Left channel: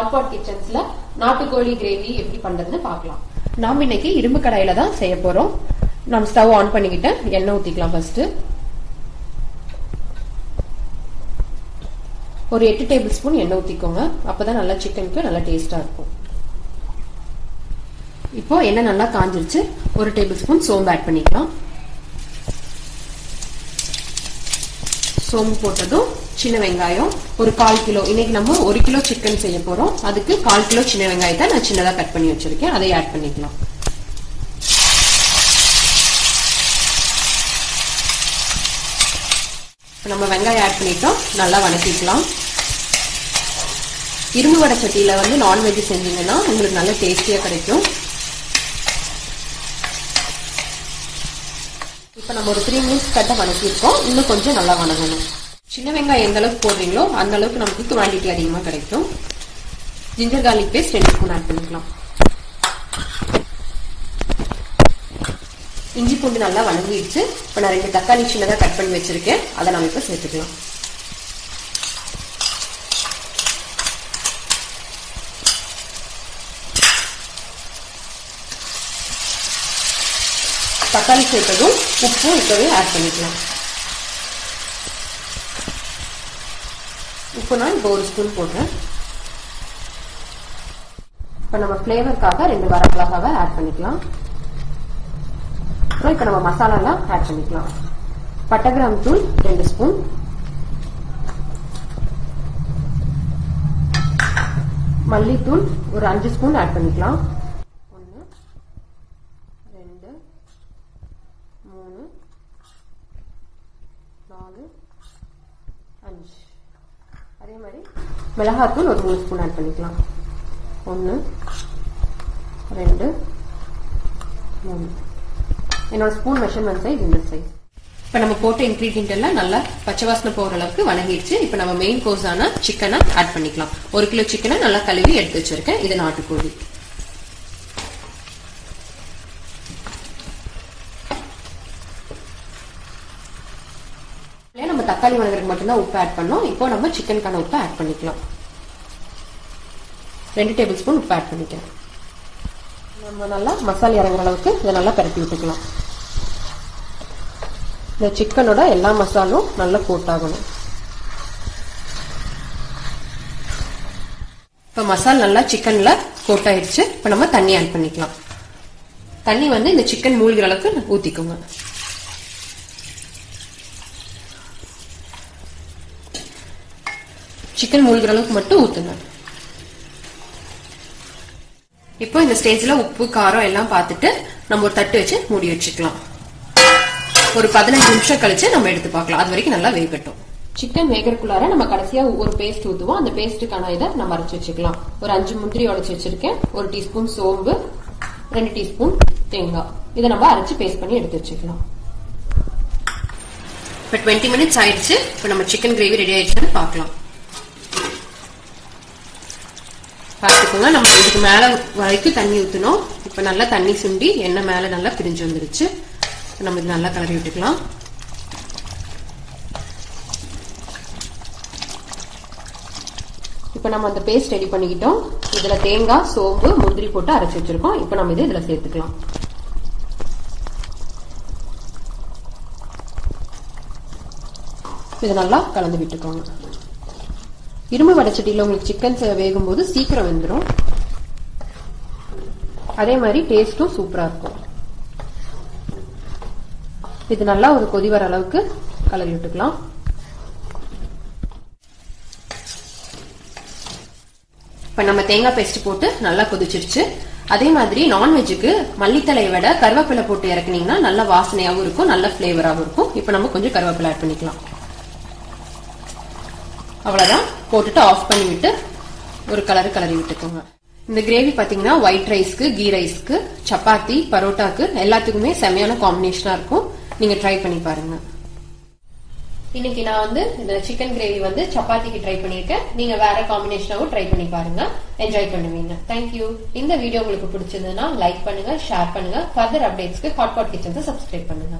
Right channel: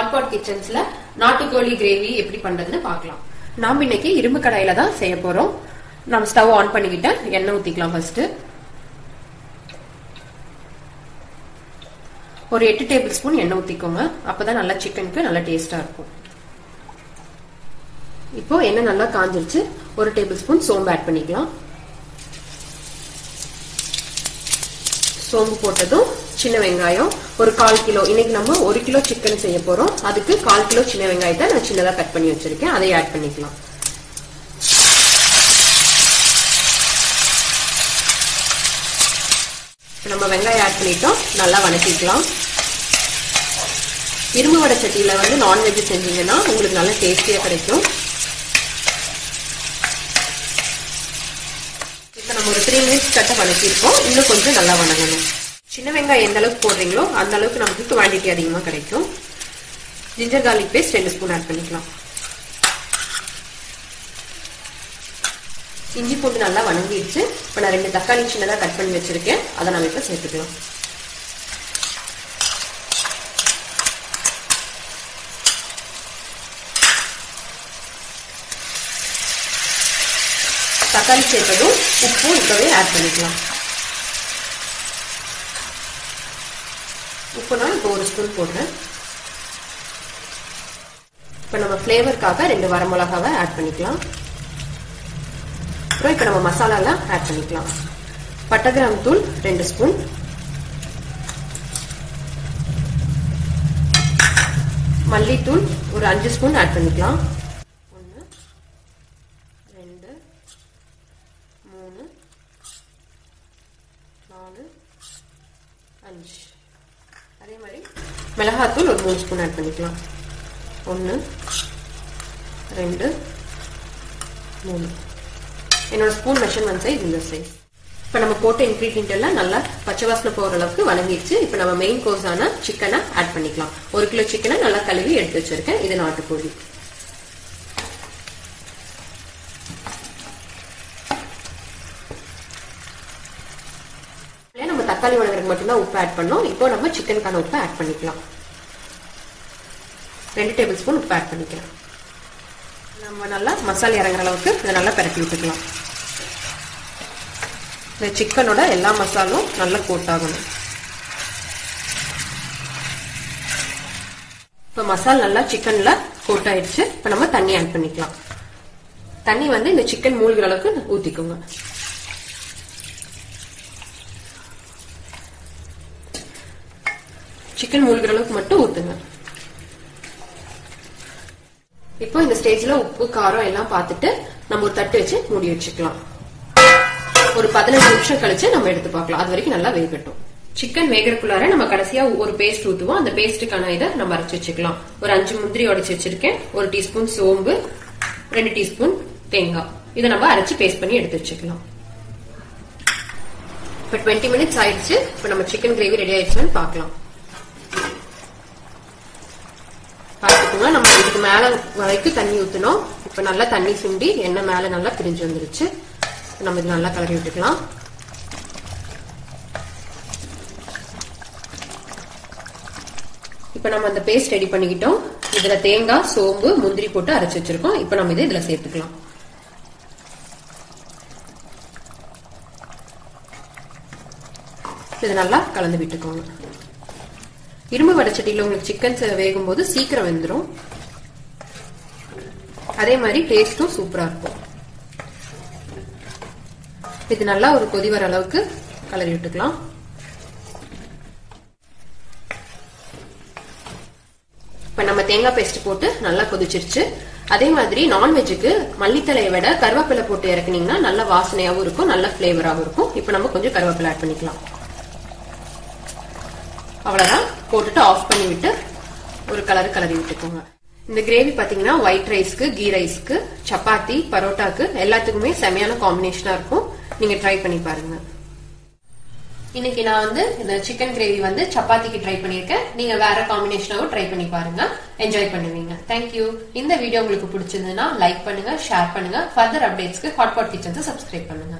HotPot Kitchenzல நாட்டுக்கோழி gravy எப்படி பண்றதுன்னு பார்க்கலாம். நாம இன்னைக்கு இரும்பு கடாயில தான் செய்ய போறோம். நம்ம ஸ்டவ் ஆன் பண்ணிக்கிட்டு எண்ணெய் ஊத்திக்கலாம். ஃபர்ஸ்ட் ஒரு 8 டேபிள் ஸ்பூன் எண்ணெய் ஊத்திக்கோங்க. அப்பதான் நல்லா சிக்கனுக்கு நல்லா டேஸ்டா இருக்கும். இப்போ எண்ணெய் நல்லா காஞ்சிருச்சு. ஒரு டேபிள் ஸ்பூன் சோம்பு ஆட் பண்ணிக்கலாம். சோம்பு போட்டதும் சின்ன வெங்காயம் ஒரு 1/4 கிலோ, இன்னைக்கு நம்ம 1 கிலோ சிக்கன் செய்ய போறோம். அதுக்கு 1/4 கிலோ சின்ன வெங்காயத்தை நான் சின்னதா கட் பண்ணி வச்சிருக்கேன். அதை ஆட் பண்ணிக்கலாம். நம்ம வெங்காயம் ஆட் பண்ணிட்டோம். நல்லா வதக்கிக்கலாம். இரும்பு வடை சட்டியில நான்வெஜ் செஞ்சீங்கன்னா உங்களுக்கு நல்ல டேஸ்டியா கிடைக்கும். இப்ப நம்ம ஒரு 3 மினிட்ஸ் கட்ட வதக்கிருக்கோம். இன்னும் கொஞ்சம் நல்லா வதங்கணும். சின்ன வெங்காயம் எந்த அளவுக்கு போடுறீங்களோ அந்த அளவுக்கு நமக்கு குவாண்டிட்டி அதிகமா கிடைக்கும். Ginger garlic paste 2 spoon add பண்ணிக்கலாம். இஞ்சி பூண்டு நல்லா வதங்கிடுச்சு. இப்ப நான் 2 தக்காளி சின்னதா கட் பண்ணி வச்சிருக்கேன். அதை நம்ம இப்ப சேர்த்துக்கலாம். தக்காளி சேர்த்ததும் உப்பு இப்பவே ஆட் பண்ணிக்கலாம். உப்பு நான் இப்போ 1 ஸ்பூன் போடுறேன். இப்ப நம்ம ஃபிளேவருக்காக 2 வரமிளகாவை ஆட் பண்ணிக்கலாம். அப்புறம் இப்ப நம்ம மசாலா எல்லாம் ஆட் பண்ணிக்கலாம். பட்டை கிராம்பு தூள் 2 ஸ்பூன், மல்லித்தூள் ஒரு 5 ஸ்பூன் ஆட் பண்ணிக்கலாம். 1 2 3 4 5. அதே மாதிரி மிளகாத்தூள் ஒரு 3 ஸ்பூன் ஆட் பண்ணிக்கலாம். 1 2 3. என்னோட ஸ்பூன் மெஷர்மெண்ட் சைஸ் இந்த சைஸ். இப்ப நம்ம போட்ட இன்கிரீடியன்ட் எல்லாம் நல்லா பச்சை வாசனை போற அளவுக்கு வதங்கிடுச்சு. இப்ப நம்ம மெயின் கோர்ஸான சிக்கனை ஆட் பண்ணிக்கலாம். 1 கிலோ சிக்கனை நல்லா கழுவி எடுத்து வச்சிருக்கேன். இது நாட்டுக்கோழி. நம்ம தக்காளி வதங்குறதுக்கு மட்டும்தான் உப்பு ஆட் பண்ணோம். இப்போ நம்ம சிக்கனுக்கான உப்பு ஆட் பண்ணிக்கலாம். 2 டேபிள் ஸ்பூன் உப்பு ஆட் பண்ணிக்கலாம். நம்ம நல்லா மசாலா இறங்குற அளவுக்கு இதை நல்லா பரட்டி விட்டுக்கலாம். இந்த சிக்கனோட எல்லா மசாலும் நல்லா கோட் ஆகணும். இப்ப மசாலா நல்லா சிக்கன்ல கோட் ஆயிடுச்சு. இப்ப நம்ம தண்ணி ஆட் பண்ணிக்கலாம். தண்ணி இந்த சிக்கன் மூழ்கிற அளவுக்கு ஊத்திக்கோங்க. சிக்கன் மூழ்கிற அளவுக்கு மட்டும் ஊத்துங்க. இப்போ இந்த ஸ்டேஜ்ல உப்பு காரம் எல்லாம் பார்த்துட்டு நம்ம ஒரு தட்டு வச்சு மூடி வச்சுக்கலாம். ஒரு 15 நிமிஷம் கழிச்சு நம்ம எடுத்து பார்க்கலாம். அது வரைக்கும் நல்லா வேகட்டும். சிக்கன் வேகறதுக்குள்ளார நம்ம கடைசியா ஒரு பேஸ்ட் ஊத்துவோம். அந்த பேஸ்டுக்கான இதை நம்ம அரைச்சு வச்சுக்கலாம். ஒரு 5 முந்திரி உடைச்சு வச்சிருக்கேன். 1 டீஸ்பூன் சோம்பு, 2 டீஸ்பூன் தேங்காய். இதை நம்ம அரைச்சு பேஸ்ட் பண்ணி எடுத்து வச்சுக்கலாம். இப்ப 20 மினிட்ஸ் ஆயிடுச்சு. இப்ப நம்ம சிக்கன் கிரேவி ரெடி ஆயிடுச்சுன்னு பார்க்கலாம். பார்த்துக்கோங்க, நம்ம இதுக்கு மேல வரைக்கும் தண்ணி ஊத்தணும். இப்ப நல்லா தண்ணி சுண்டி எண்ணெய் மேல நல்லா பிரிஞ்சு வந்துருச்சு. நம்ம இது நல்லா கலரி விட்டுக்கலாம். இப்ப நம்ம அந்த பேஸ்ட் ரெடி பண்ணிக்கிட்டோம். இதுல தேங்காய், சோம்பு, முந்திரி போட்டு அரைச்சு வச்சிருக்கோம். இப்ப நம்ம இதை இதுல சேர்த்துக்கலாம். இது நல்லா கலந்து விட்டுக்கோங்க. இரும்பு வடைச்சட்டியில உங்களுக்கு சிக்கன் வேகும் போது சீக்கிரம் வெந்துடும். அதே மாதிரி டேஸ்டும் சூப்பரா இருக்கும். இது நல்லா ஒரு கொதி வர அளவுக்கு கலரி விட்டுக்கலாம். இப்ப நம்ம தேங்காய் பேஸ்ட் போட்டு நல்லா கொதிச்சிருச்சு. அதே மாதிரி நான்வெஜ்ஜுக்கு மல்லித்தலையை விட கருவேப்பிலை போட்டு இறக்குனீங்கன்னா நல்ல வாசனையாவும் இருக்கும், நல்ல பிளேவராகவும் இருக்கும். இப்ப நம்ம கொஞ்சம் கருவேப்பிலை ஆட் பண்ணிக்கலாம். அவ்வளவுதான். போட்டுட்டு ஆஃப் பண்ணி விட்டு ஒரு கலரி விட்டுக்கோங்க. இந்த கிரேவி பாத்தீங்கன்னா ஒயிட் ரைஸ்க்கு, கீ ரைஸ்க்கு, சப்பாத்தி, பரோட்டாக்கு எல்லாத்துக்குமே செமையான காம்பினேஷனா இருக்கும். நீங்க ட்ரை பண்ணி பாருங்க. இன்னைக்கு நான் இந்த சிக்கன் கிரேவி சப்பாத்திக்கு ட்ரை பண்ணிருக்கேன். நீங்க வேற காம்பினேஷனாவும் ட்ரை பண்ணி பாருங்க. என்ஜாய் பண்ணுவீங்க. தேங்க்யூ. இந்த வீடியோ உங்களுக்கு பிடிச்சிருந்ததுன்னா லைக் பண்ணுங்க, ஷேர் பண்ணுங்க. ஃபர்தர் அப்டேட்ஸ்க்கு HotPot Kitchens சப்ஸ்கிரைப் பண்ணுங்க.